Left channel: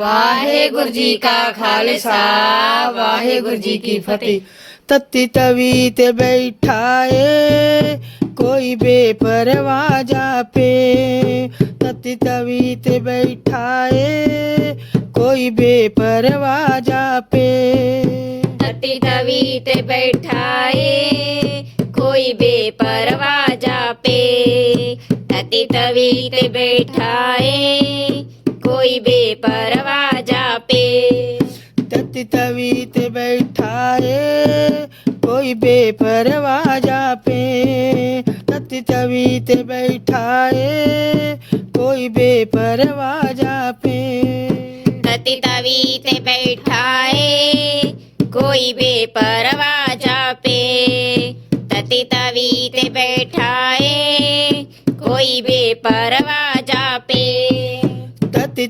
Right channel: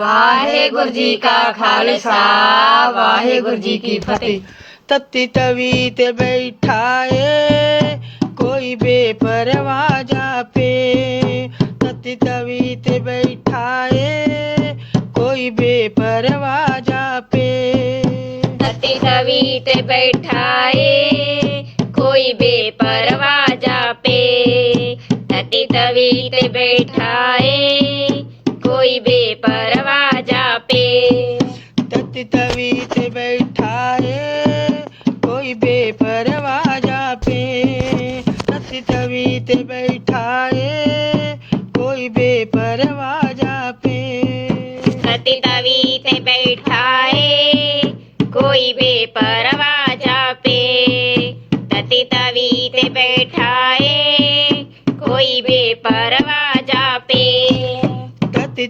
वाहेगुरु जी का खालसा जी की फतेह। तत्ती तवी ते बैठाए कोई बेपरवा जा पे तत्ती तवी ते बैठाए कोई बेपरवा जा पे तत्ती तवी ते बैठा शांति तवीत बैठाए कोई बेपरवा जापे।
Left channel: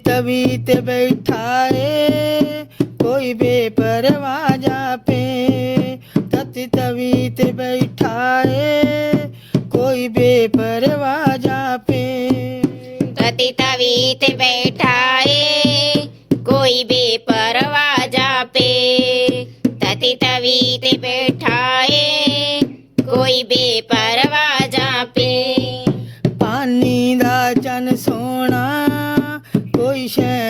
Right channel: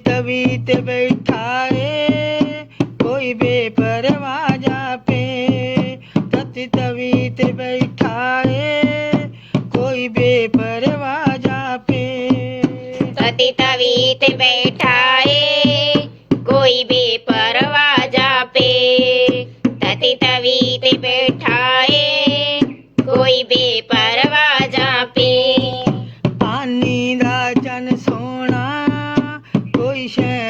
तवीत बैठाए कोई बेपरवा जापे। तति तवीत बैठाए कोई बेपरवा जापे। तति तवीत बैठ ਚੰਨ ਸੋਹਣਾ ਕੋਈ ਸ਼ੈ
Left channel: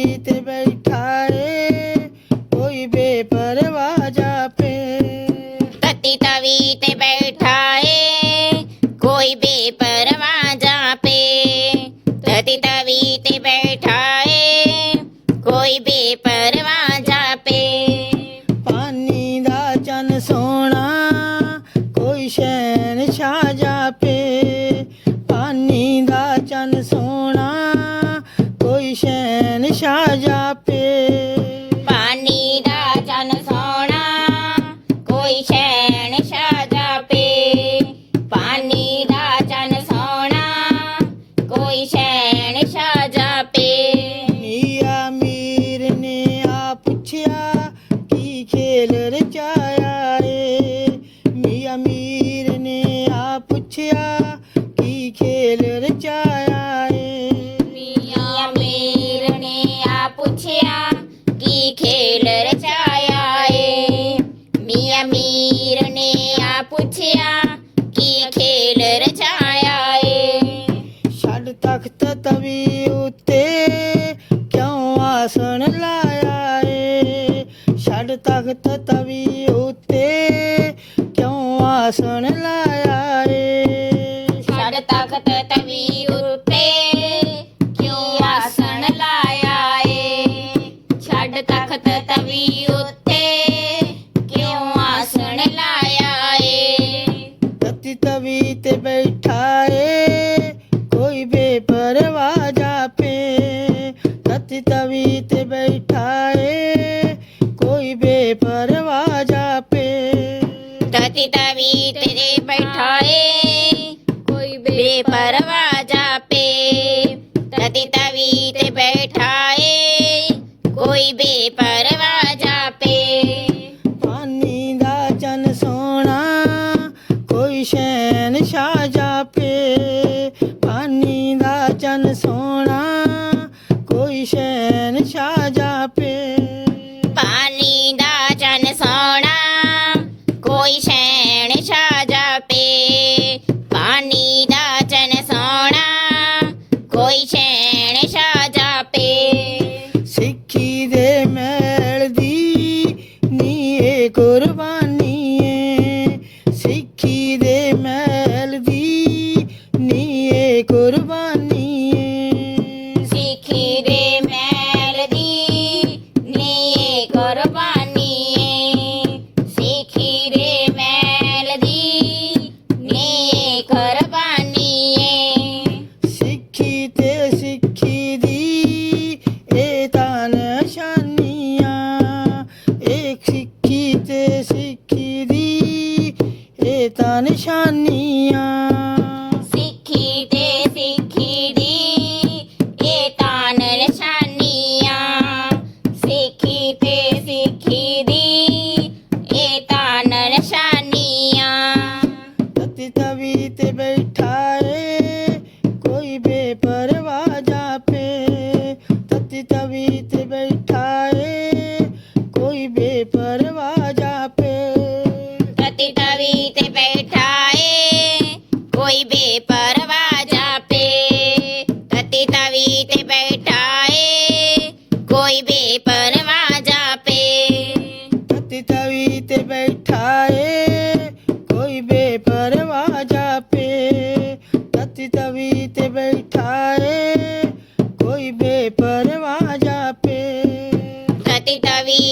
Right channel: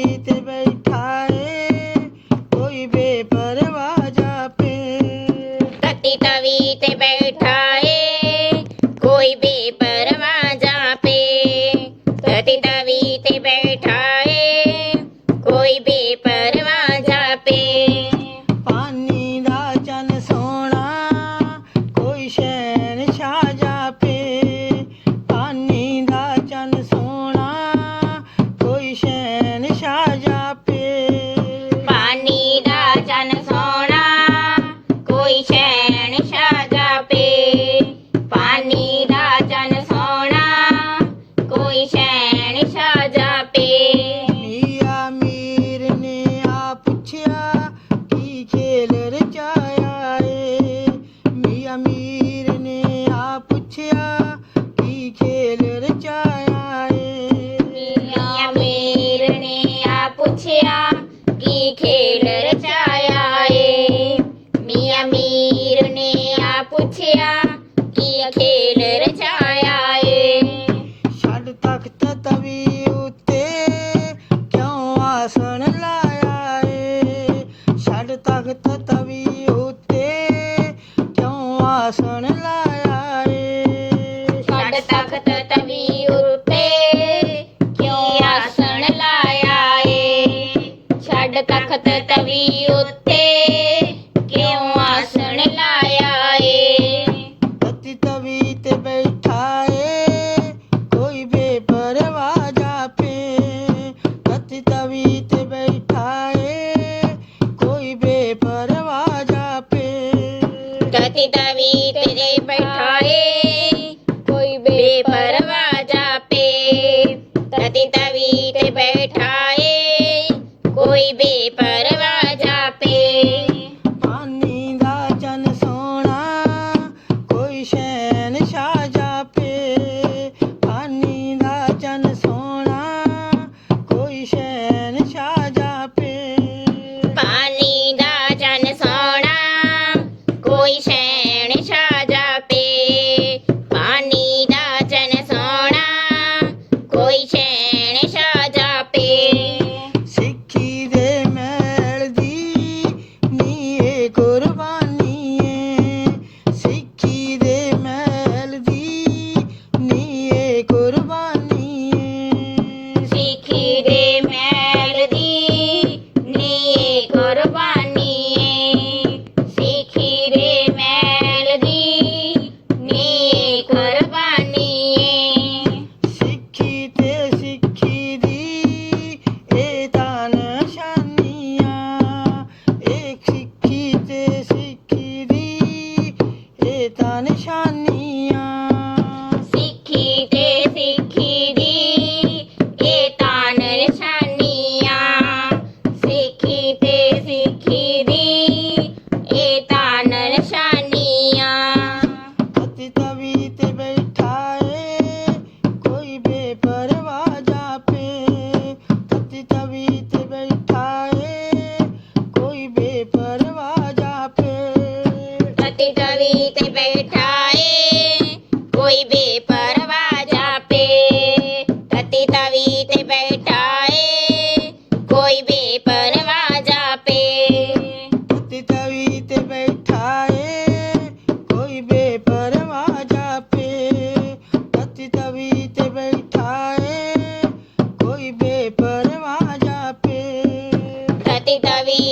भीतर बैठाए, कोई बेपरवाह जा पे तती तवीत बैठाए, कोई बेपरवाह जा तती तवीत बैठाए, कोई बेपर ਖੇਲ ਰਚਾਇਆ ਏ। ਛੱਡ ਤਖਤ ਤਵੀ ਉੱਤੇ ਕਿਉਂ ਆਸਣ ਲਾਇਆ ਏ? ਛੱਡ ਤਖਤ ਤਵੀ ਉੱਤੇ ਕਿਉਂ ਆਸਣ ਲਾਇਆ ਏ? ਛੱਡ ਤਖਤ ਪਾਲੀ ਦਾ ਚੰਨ ਸੋਣਾ ਕੋਈ ਛੈਣ ਛਾ ਜਾਪੇ ਪਾਣੀ ਦਾ ਚੰਨ ਸੋਣਾ ਕੋਈ ਛੈਣ ਛਾ ਜਾਪੇ ਸਿੱਖੀ ਦੇ ਮੈਲ ਦੀ ਨੀਏ